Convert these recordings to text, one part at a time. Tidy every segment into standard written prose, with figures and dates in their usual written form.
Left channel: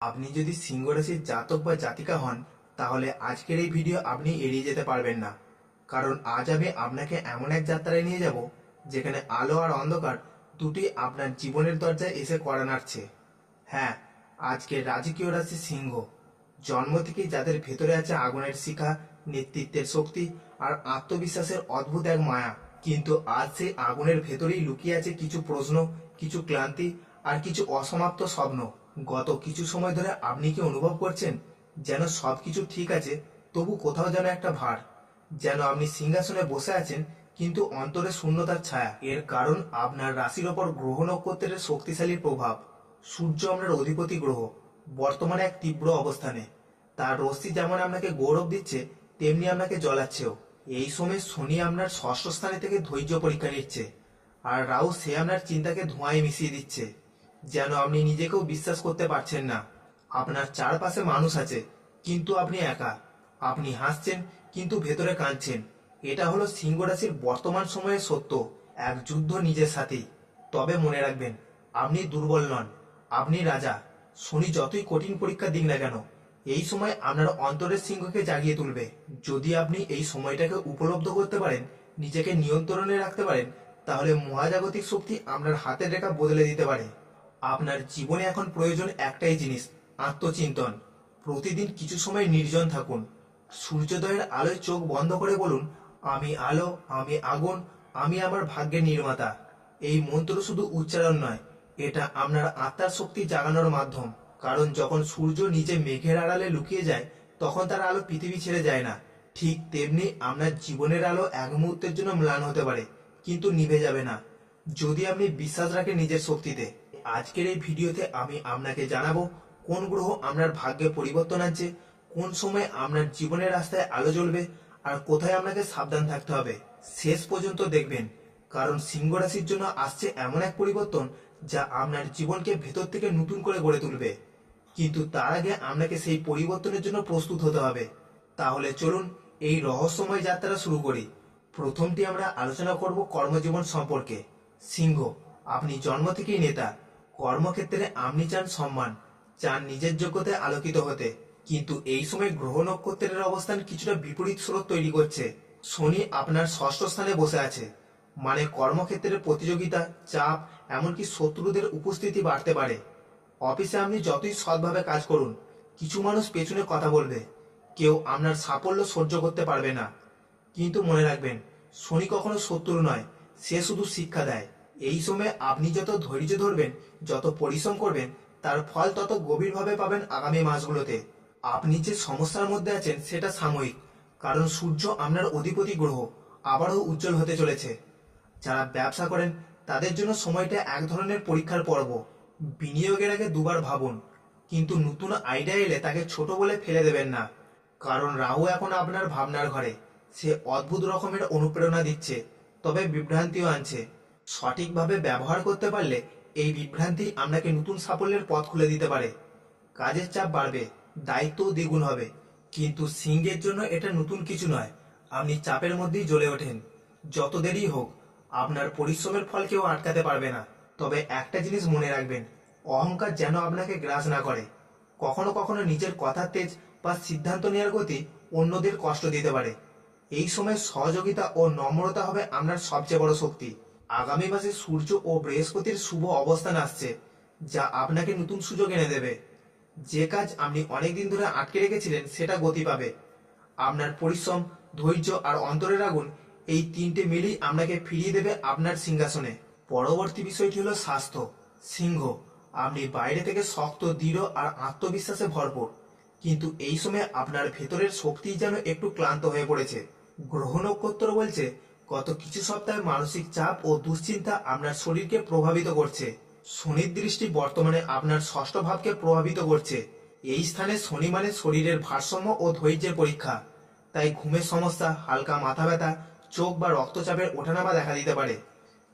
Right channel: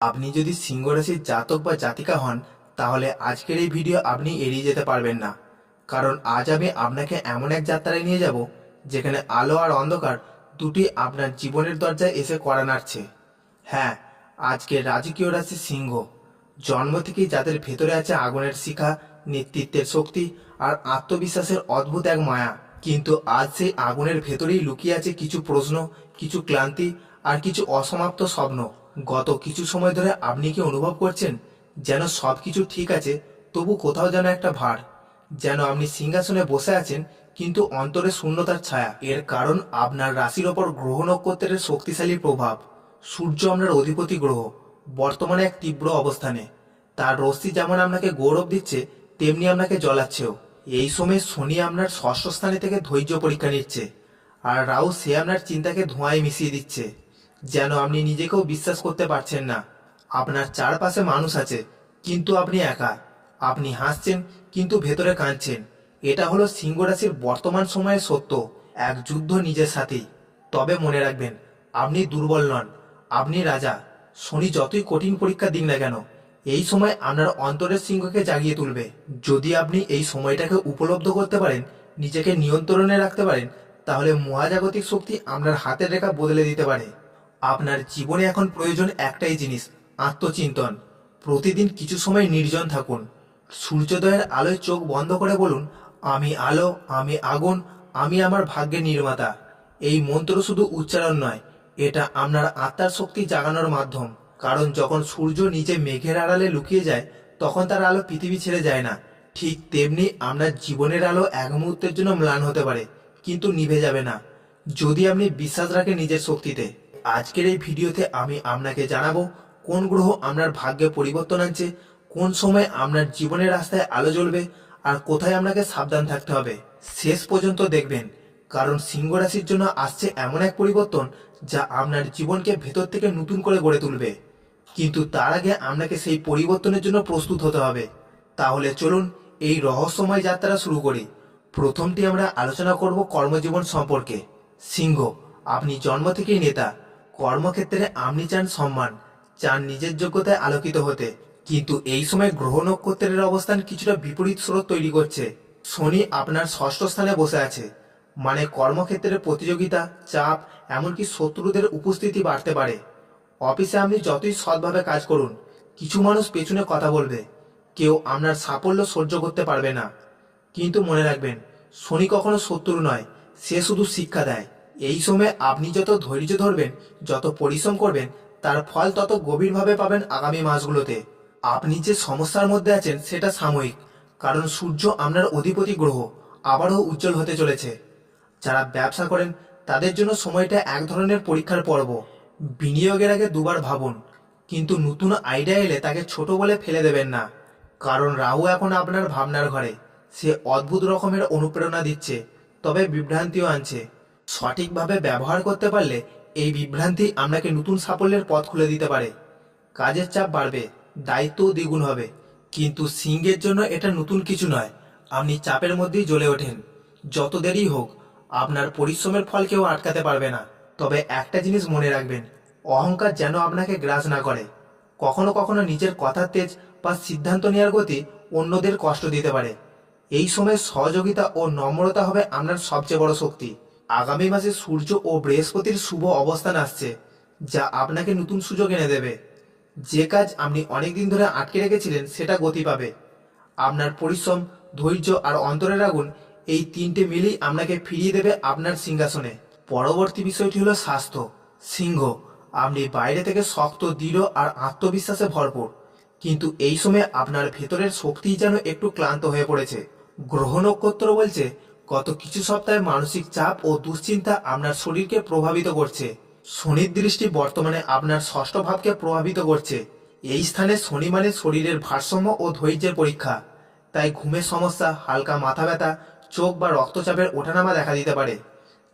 আপনি যদি সিংহ রাশির জাতক বা জাতিকা হন, তাহলে আজকের এই ভিডিও আপনি এড়িয়ে যেতে পারবেন না। কারণ আজ আমি আপনাকে এমন এক যাত্রায় নিয়ে যাব যেখানে আলো আর অন্ধকার দুটি আপনার জীবনের দরজায় এসে কড়া নাড়ছে। হ্যাঁ, আজকের রাজকীয় রাশি সিংহ। জন্ম থেকেই যাদের ভেতরে আছে আগুনের শিখা, নেতৃত্বের শক্তি আর আত্মবিশ্বাসের অদ্ভুত এক মায়া। কিন্তু আজ সেই আগুনের ভেতরেই লুকিয়ে আছে কিছু প্রশ্ন, কিছু ক্লান্তি আর কিছু অসমাপ্ত স্বপ্ন। গত কিছু সময় ধরে আপনি কি অনুভব করছেন যেন সব কিছু ঠিক আছে, তবু কোথাও যেন একটা ভার? যেন আপনি সিংহাসনে বসে আছেন কিন্তু অন্তরে শূন্যতার ছায়া। এর কারণ আপনার রাশির ওপর গ্রহ নক্ষত্রের শক্তিশালী প্রভাব। সূর্য আপনার অধিপতি গ্রহ, বর্তমানে এক তীব্র অবস্থানে। তার রশ্মি যেমন আপনাকে গৌরব দিচ্ছে, তেমনি আপনাকে জ্বলাচ্ছেও। এই সময় শনি আপনার ষষ্ঠ স্থানে থেকে ধৈর্য পরীক্ষা নিচ্ছে, আর রাহু সে আপনার চিন্তাকে ধোঁয়ায় মিশিয়ে দিচ্ছে, যেন আপনি নিজেকেও বিশ্বাস করতে পারছেন না। আপনার চারপাশে মানুষ আছে, কিন্তু আপনি একা। আপনি হাসছেন, কিন্তু ভেতরে কাঁদছেন। এটা হলো সিংহ রাশির বর্তমান সময়ের সত্য, এক যুদ্ধ নিজের সাথেই। তবে মনে রাখবেন, আপনি দুর্বল নন, আপনি রাজা। শনি যতই কঠিন পরীক্ষা দিক না কেন, এই সময় আপনার অন্তরের সিংহকে জাগিয়ে তুলবে। যদি আপনি এই সময়টাকে উপলব্ধ করতে পারেন, নিজেকে নিয়ন্ত্রণে রাখতে পারেন, তাহলে মহাজাগতিক শক্তি আপনার হাতের রেখা বদলে দিতে পারে। আপনার জীবনে এখন প্রয়োজন একটাই জিনিস, আত্মচিন্তন। প্রতিদিন কিছু সময় নির্জন থাকুন। সূর্যোদয়ের আলোয় চোখ বন্ধ করে বলুন, আমি আলো, আমি আগুন, আমি আমার ভাগ্যের নির্মাতা। এই মন্ত্র শুধু উচ্চারণ নয়, এটা আপনার আত্মার শক্তি জাগানোর মাধ্যম। কারণ যখন সূর্য নিচে মেঘের আড়ালে লুকিয়ে যায়, তখন তার আলো পৃথিবী ছেড়ে যায় না। ঠিক তেমনি আপনার জীবনের আলো এক মুহূর্তের জন্য ম্লান হতে পারে, কিন্তু নিভে যাবে না যদি আপনি বিশ্বাস রাখেন নিজের শক্তিতে। আজকের এই ভিডিওতে আমি আপনাকে জানাবো কোন গ্রহ আপনার ভাগ্যে পরিবর্তন আনছে, কোন সময় আপনার জীবনের রাস্তায় আলো জ্বলবে, আর কোথায় আপনাকে সাবধান থাকতে হবে। শেষ পর্যন্ত দেখবেন, কারণ সিংহ রাশির জন্য আসছে এমন এক পরিবর্তন যা আপনার জীবনকে ভেতর থেকে নতুন করে গড়ে তুলবে। কিন্তু তার আগে আপনাকে সেই পরিবর্তনের জন্য প্রস্তুত হতে হবে। তাহলে চলুন এই রহস্যময় যাত্রা শুরু করি। প্রথমটি আমরা আলোচনা করব কর্মজীবন সম্পর্কে। সিংহ, আপনি জন্ম থেকেই নেতা। কর্মক্ষেত্রে আপনি চান সম্মান, চান নিজের যোগ্যতায় আলোকিত হতে। কিন্তু এই সময় গ্রহ নক্ষত্রের অবস্থান কিছুটা বিপরীত স্রোত তৈরি করছে। শনি আপনার ষষ্ঠ স্থানে বসে আছে, মানে কর্মক্ষেত্রে প্রতিযোগিতা, চাপ, এমনকি শত্রুদের উপস্থিতি বাড়তে পারে। অফিসে আপনি যতই সৎভাবে কাজ করুন, কিছু মানুষ পেছনে কথা বলবে। কেউ আপনার সাফল্য সহ্য করতে পারবে না। কিন্তু মনে রাখবেন, শনি কখনো শত্রু নয়, সে শুধু শিক্ষা দেয়। এই সময় আপনি যত ধৈর্য ধরবেন, যত পরিশ্রম করবেন, তার ফল তত গভীরভাবে পাবেন আগামী মাসগুলোতে। আপনি যে সমস্যার মধ্যে আছেন সেটা সাময়িক, কারণ সূর্য আপনার অধিপতি গ্রহ আবারও উজ্জ্বল হতে চলেছে। যারা ব্যবসা করেন তাদের জন্য সময়টা এক ধরনের পরীক্ষার পর্ব। বিনিয়োগের আগে দুবার ভাবুন, কিন্তু নতুন আইডিয়া এলে তাকে ছোট বলে ফেলে দেবেন না। কারণ রাহু এখন আপনার ভাবনার ঘরে। সে অদ্ভুত রকমের অনুপ্রেরণা দিচ্ছে, তবে বিভ্রান্তিও আনছে। সঠিকভাবে ব্যবহার করতে পারলে এই বিভ্রান্তি আপনাকে নতুন সাফল্যের পথ খুলে দিতে পারে। কাজের চাপ বাড়বে, দায়িত্বও দ্বিগুণ হবে। কিন্তু সিংহের জন্য এটা নতুন কিছু নয়। আপনি চাপের মধ্যেই জ্বলে ওঠেন। যত দেরি হোক, আপনার পরিশ্রমের ফল কেউ আটকাতে পারবে না। তবে একটা জিনিস মনে রাখবেন, অহংকার যেন আপনাকে গ্রাস না করে। কখনো কখনো নিজের কথার তেজ বা সিদ্ধান্ত নেওয়ার গতি অন্যদের কষ্ট দিতে পারে। এই সময় সহযোগিতা ও নম্রতা হবে আপনার সবচেয়ে বড় শক্তি। আগামী মাসে সূর্য ও বৃহস্পতির শুভ অবস্থান আসছে, যা আপনাকে নতুন সুযোগ এনে দেবে। যে কাজ আপনি অনেকদিন ধরে আটকে রেখেছিলেন সেটা গতি পাবে। আপনার পরিশ্রম, ধৈর্য আর অন্তরের আগুন, এই তিনটে মিলেই আপনাকে ফিরিয়ে দেবে আপনার সিংহাসনে। পরবর্তী বিষয়টি হলো স্বাস্থ্য। সিংহ, আপনি বাইরে থেকে শক্ত, দৃঢ় আর আত্মবিশ্বাসে ভরপুর, কিন্তু এই সময় আপনার ভেতরের শক্তি যেন একটু ক্লান্ত হয়ে পড়েছে। গ্রহ নক্ষত্র বলছে গত কিছু সপ্তাহে মানসিক চাপ ও দুশ্চিন্তা আপনার শরীরকে প্রভাবিত করছে। শনির দৃষ্টি বর্তমানে আপনার ষষ্ঠ ভাবকে প্রভাবিত করছে। এই স্থানে শনি মানে শরীরের ভারসাম্য ও ধৈর্যের পরীক্ষা। তাই ঘুমের সমস্যা, হালকা মাথা ব্যথা, চোখ বা রক্তচাপের ওঠানামা দেখা দিতে পারে।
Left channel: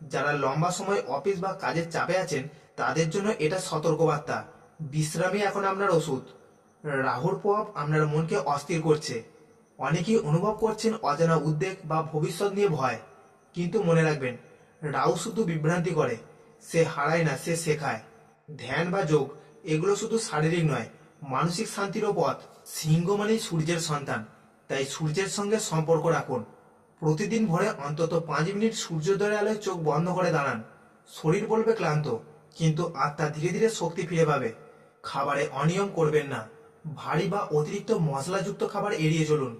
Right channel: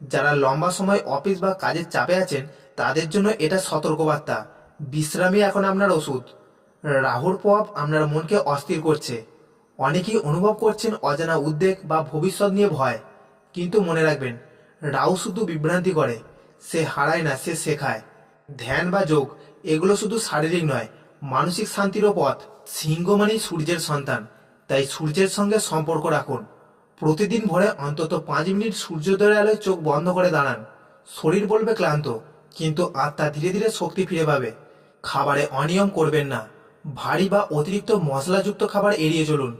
যারা লম্বা সময় অফিস বা কাজের চাপে আছেন, তাদের জন্য এটা সতর্কবার্তা। বিশ্রামই এখন আপনার ওষুধ। রাহুর প্রভাব আপনার মনকে অস্থির করছে। অনেকেই অনুভব করছেন অজানা উদ্বেগ বা ভবিষ্যৎ নিয়ে ভয়। কিন্তু মনে রাখবেন, রাহু শুধু বিভ্রান্তি করে, সে হারায় না, সে শেখায়। ধ্যান বা যোগ, এগুলো শুধু শারীরিক নয়, মানসিক শান্তিরও পথ। সিংহ মানেই সূর্যের সন্তান, তাই সূর্যের সঙ্গে সম্পর্ক রাখুন। প্রতিদিন ভোরে অন্তত 5 মিনিট সূর্যোদয়ের আলোয় চোখ বন্ধ করে দাঁড়ান। শরীর বলবে ক্লান্ত, কিন্তু আত্মা ধীরে ধীরে শক্তি ফিরে পাবে। খাবারে অনিয়ম করবেন না। ভারী বা অতিরিক্ত মশলাযুক্ত খাবার এড়িয়ে চলুন।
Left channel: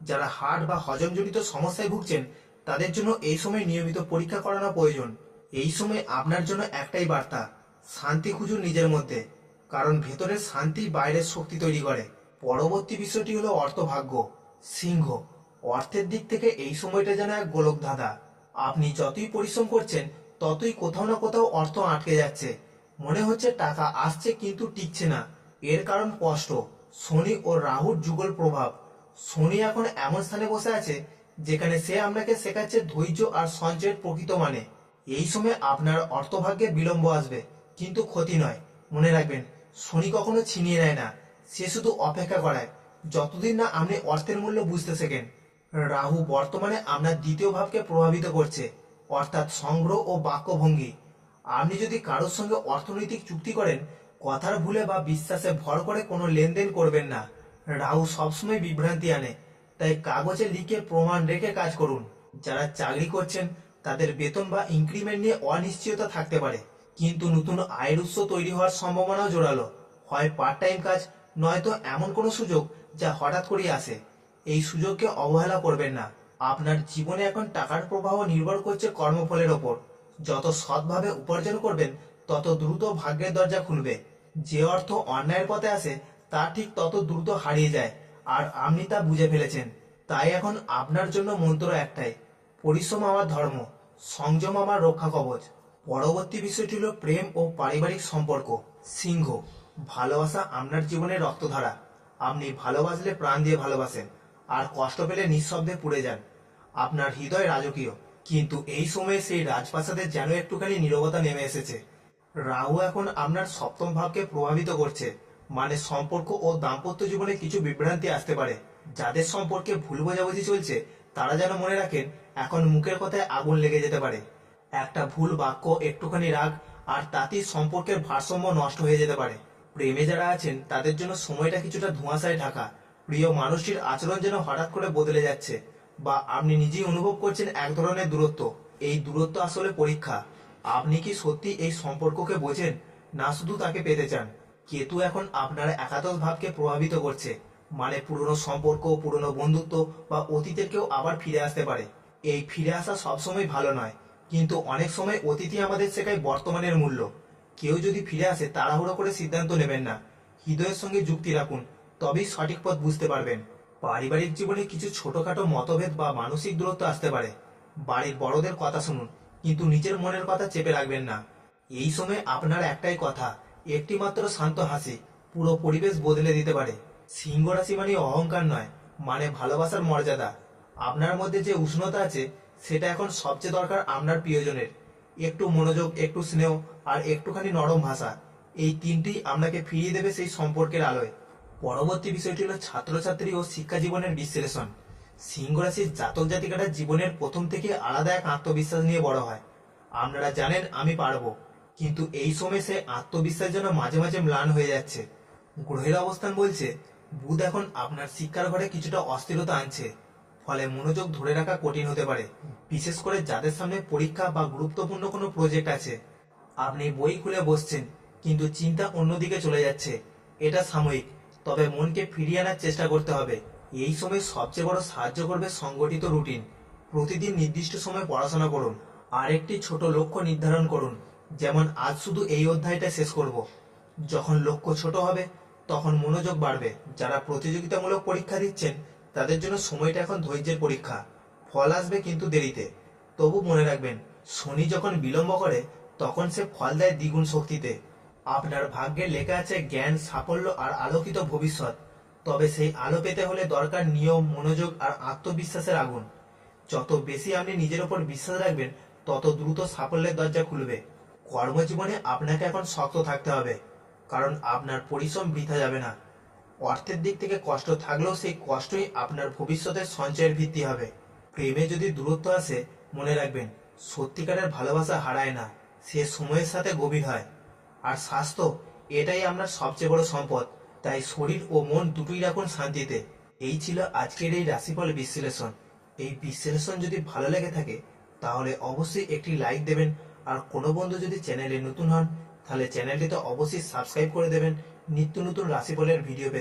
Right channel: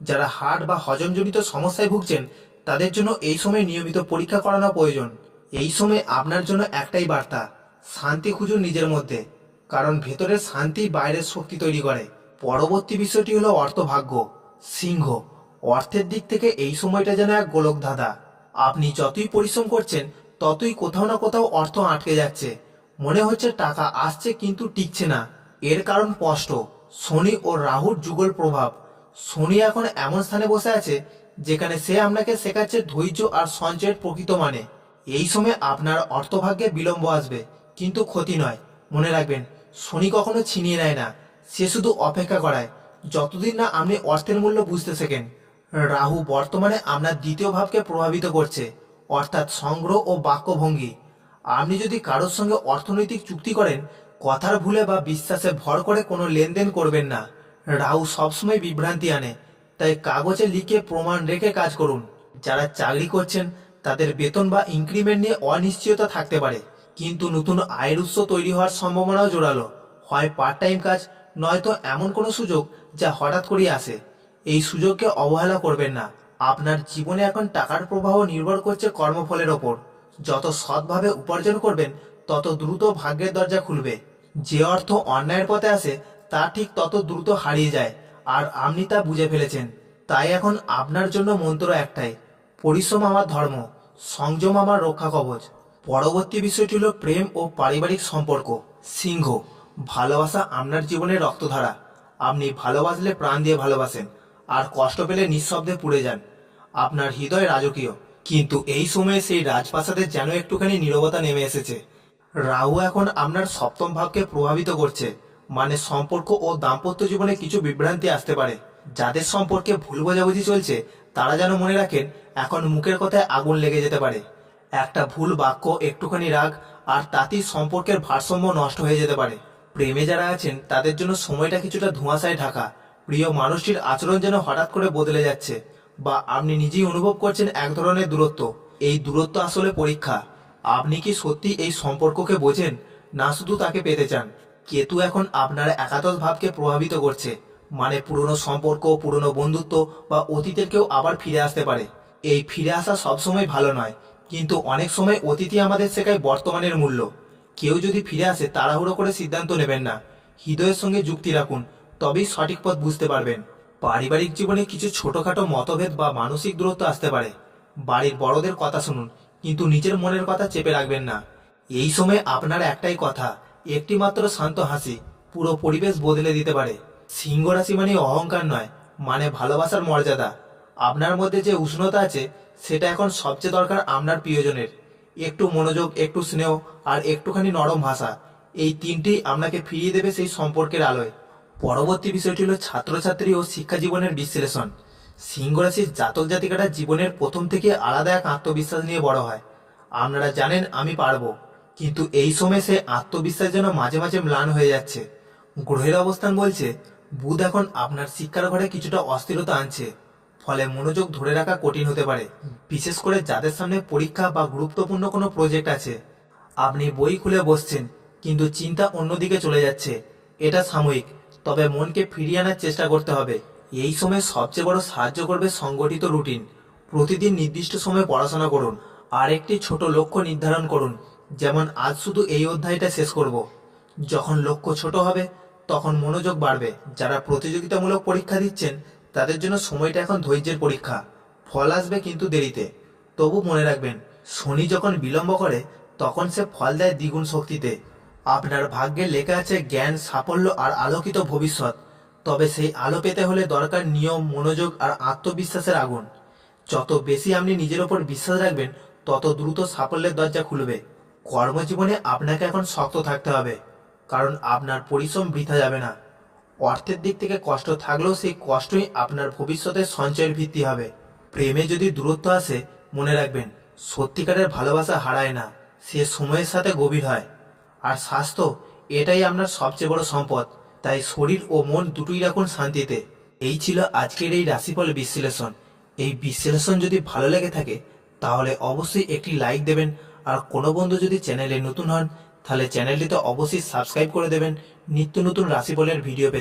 যারা হার্ট বা হজমজনিত সমস্যায় ভুগছেন তাদের জন্য এই সময় নিয়মিত পরীক্ষা করানো প্রয়োজন। এই সময় আপনার জন্য একটাই বার্তা, শান্তি খুঁজুন নিজের মধ্যে, কারণ ভেতরের শান্তি বাইরের শক্তি তৈরি করে। পরবর্তী বিষয়টি হলো অর্থভাগ্য। সিংহ, অর্থের দিক থেকে এই সময়টা যেন এক গোলকধাঁধা। আপনি যতই পরিশ্রম করছেন ততই কোথাও না কোথাও অর্থ আটকে যাচ্ছে। মনে হচ্ছে টাকা আসছে কিন্তু টিকছে না। এর কারণ স্পষ্ট, শনি ও রাহুর যুগল প্রভাব। শনি এখন এমন স্থানে বসে আছে যেখানে সে আপনাকে শেখাচ্ছে ধৈর্য আর সঞ্চয়ের প্রকৃত মানে। এই সময় আপনার অর্থভাগ্যে বিলম্ব আসবে, কিন্তু ক্ষতি নয়। মনে রাখবেন, শনি কখনো ছিনিয়ে নেয় না, সে শুধু অপেক্ষা করায় যতদিন না আপনি অর্থের মূল্য বুঝতে শেখেন। রাহু বর্তমানে আপনার দ্বিতীয় ভাবকে প্রভাবিত করছে, অর্থাৎ সংগ্রহ ও বাক্যভঙ্গি। আপনি যদি কারোর সঙ্গে অর্থনৈতিক চুক্তি করেন, কথার ভুলে বা বিশ্বাসে ভর করে কোনো লেনদেন করবেন না। রাহু সবসময় বিভ্রান্তি আনে, তাই কাগজে লিখে প্রমাণ রেখে কাজ করুন। যারা চাকরি করছেন তাদের বেতন বা ইনক্রিমেন্ট নিয়ে অনিশ্চয়তা থাকতে পারে, কিন্তু নতুন আয়ের উৎস তৈরি হওয়ার সম্ভাবনাও জোরালো। হয় পার্ট টাইম কাজ, নয়তো এমন কোনো সুযোগ যা হঠাৎ করেই আসে। এই সুযোগকে অবহেলা করবেন না। আপনার জীবনে এখন টাকার প্রবাহ নির্ভর করছে কর্মফলের ওপর। যত সৎভাবে উপার্জন করবেন তত দ্রুত ভাগ্যের দরজা খুলবে। যে অর্থ অন্যায়ের পথে আসে তা ঠিক তত দ্রুত হারিয়ে যায়, আর আপনি তা বুঝে ফেলেছেন। তাই এখন আপনার জন্য মন্ত্র একটাই, পরিশ্রম আমার ধর্ম, সংযম আমার রক্ষা কবচ। পরবর্তী বিষয়টি হল প্রেম ও পারিবারিক সম্পর্ক। সিংহ, ভালোবাসা আপনার জীবনের রক্তধারা। আপনি ভালোবাসলে প্রাণ দিয়ে ভালোবাসেন, আর কষ্ট পেলে নিঃশব্দে পুড়ে যান। আপনার হৃদয় রাজকীয়, কিন্তু এই সময়ে সেই রাজপ্রাসাদের যেন একটুখানি নীরবতা নেমে এসেছে। রাহু এখন আপনার সপ্তম ভাবকে প্রভাবিত করছে, মানে সম্পর্ক ও দাম্পত্য জীবনে কিছু বিভ্রান্তি আসতে পারে। যাদের সম্পর্কে ভুল বোঝাবুঝি চলছে তারা যেন মনে রাখেন, এখন মুখের কথায় আগুন লেগে যেতে পারে। একটা ভুল বাক্য, একটুখানি রাগ, আর তাতেই সম্পর্কের ভারসাম্য নষ্ট হয়ে যেতে পারে। প্রেমে যারা আছেন তাদের জন্য সময়টা কিছুটা ধোঁয়াশায় ঢাকা। প্রিয় মানুষটির আচরণ যেন হঠাৎ করে বদলে যাচ্ছে, বা আপনি নিজেই অনুভব করছেন এক ধরনের দূরত্ব। এই দূরত্ব আসলে পরীক্ষা। আপনি কি সত্যি এই সম্পর্ককে বোঝেন, না শুধু তাকে পেতে চান? কেতু এখন আপনার একাদশ ভাবকে প্রভাবিত করছে, মানে পুরনো সম্পর্ক, পুরনো বন্ধুত্ব বা অতীতের কেউ আবার ফিরে আসতে পারে। এই ফিরে আসা সবসময় ভালো নয়, কিন্তু অনেক সময় অতীতই আমাদের শেখায় বর্তমানের মূল্য। কেউ যদি ফিরে আসে তাড়াহুড়ো করে সিদ্ধান্ত নেবেন না, হৃদয়ের সঙ্গে যুক্তি রাখুন, তবেই সঠিক পথ বুঝতে পারবেন। পারিবারিক জীবনে কিছু ছোটখাটো মতভেদ বা মানসিক দূরত্ব আসতে পারে। বাড়ির বড়দের কথা শুনুন, কিন্তু নিজের মনের কথা চেপে রাখবেন না। এই সময় আপনার একটাই কথা, একটি মাত্র শান্ত হাসি পুরো পরিবেশ বদলে দিতে পারে। সিংহ রাশি মানে অহংকার নয়, মানে ভালোবাসার মর্যাদা। আপনার মধ্যে যে উষ্ণতা আছে সেটা এখন সবচেয়ে দরকার আপনার প্রিয়জনের। একটু মনোযোগ, একটু স্নেহ, আর একটুখানি নরম ভাষা, এই তিনটি আপনাকে ফিরিয়ে দেবে সেই সম্পর্কের আলোয়। পরবর্তী বিষয়টি হলো ছাত্রছাত্রী ও শিক্ষা জীবনের বিশ্লেষণ। সিংহ রাশির জাতক জাতিকাটা জীবনের প্রথম থেকে আলাদা এক আত্মবিশ্বাস নিয়ে বড় হয়। আপনারা জানেন আমি পারবো, কিন্তু এই সময় সে আত্মবিশ্বাস যেন মাঝে মাঝে ম্লান হয়ে যাচ্ছে। গ্রহের অবস্থান বলছে বুধ এখন আপনার শিক্ষার ঘরে কিছুটা অস্থিরতা আনছে, ফলে মনোযোগ ধরে রাখা কঠিন হতে পারে, বিশেষ করে যাদের সামনে পরীক্ষা বা গুরুত্বপূর্ণ কোনো প্রজেক্ট আছে। আপনি বই খুলে বসছেন, কিন্তু চিন্তা অন্যদিকে চলে যাচ্ছে। এটা সাময়িক, তবে মনকে ফিরিয়ে আনার চেষ্টা করতে হবে। এই সময় সবচেয়ে বড় সাহায্য করবে সংগঠিত রুটিন। প্রতিদিন নির্দিষ্ট সময় পড়াশোনা করুন, আর একটি ছোট লক্ষ্য নির্ধারণ করুন, যেমন আজ শুধু এই অধ্যায়টা শেষ করব। যখন লক্ষ্য ছোট হবে তখন মনোযোগ বাড়বে। যারা প্রতিযোগিতামূলক পরীক্ষা দিচ্ছেন তাদের জন্য সময়টা এখন ধৈর্যের পরীক্ষা। ফল আসবে কিন্তু দেরিতে। তবু মনে রাখবেন, শনি যখন বিলম্ব করে তখন সে ফল দেয় দ্বিগুণ শক্তিতে। আপনার ভাগ্যে লেখা আছে জ্ঞান, সাফল্য আর আলোকিত ভবিষ্যৎ। তবে সেই আলো পেতে হলে দরকার নিয়ম, মনোযোগ আর আত্মবিশ্বাসের আগুন। যত বেশি আপনি নিজের ওপর বিশ্বাস রাখবেন তত দ্রুত সাফল্যের দরজা খুলবে। কর্মজীবনে আপনাকে এখন শক্ত থাকতে হবে, কারণ আপনার পরিশ্রম বৃথা যাবে না। অর্থের দিক থেকে কষ্ট থাকলেও সেই কষ্টই আপনার ভবিষ্যতের সঞ্চয়ের ভিত্তি হবে। প্রেমে যদি দূরত্ব আসে, মনে রাখবেন সত্যিকারের ভালোবাসা হারায় না, সে সময়ের সাথে গভীর হয়। আর স্বাস্থ্য, এটাই আপনার সবচেয়ে বড় সম্পদ। তাই শরীর ও মন দুটোই রাখুন শান্তিতে। এই ছিল আজকের এই রাশিফল বিশ্লেষণ। এই বিশ্লেষণ যদি ভালো লেগে থাকে তাহলে অবশ্যই একটি লাইক দেবেন। আর কোনো বন্ধু যদি চ্যানেলে নতুন হন তাহলে চ্যানেলটিতে অবশ্যই সাবস্ক্রাইব করে দেবেন নিত্য নতুন রাশিফলের ভিডিও পেতে।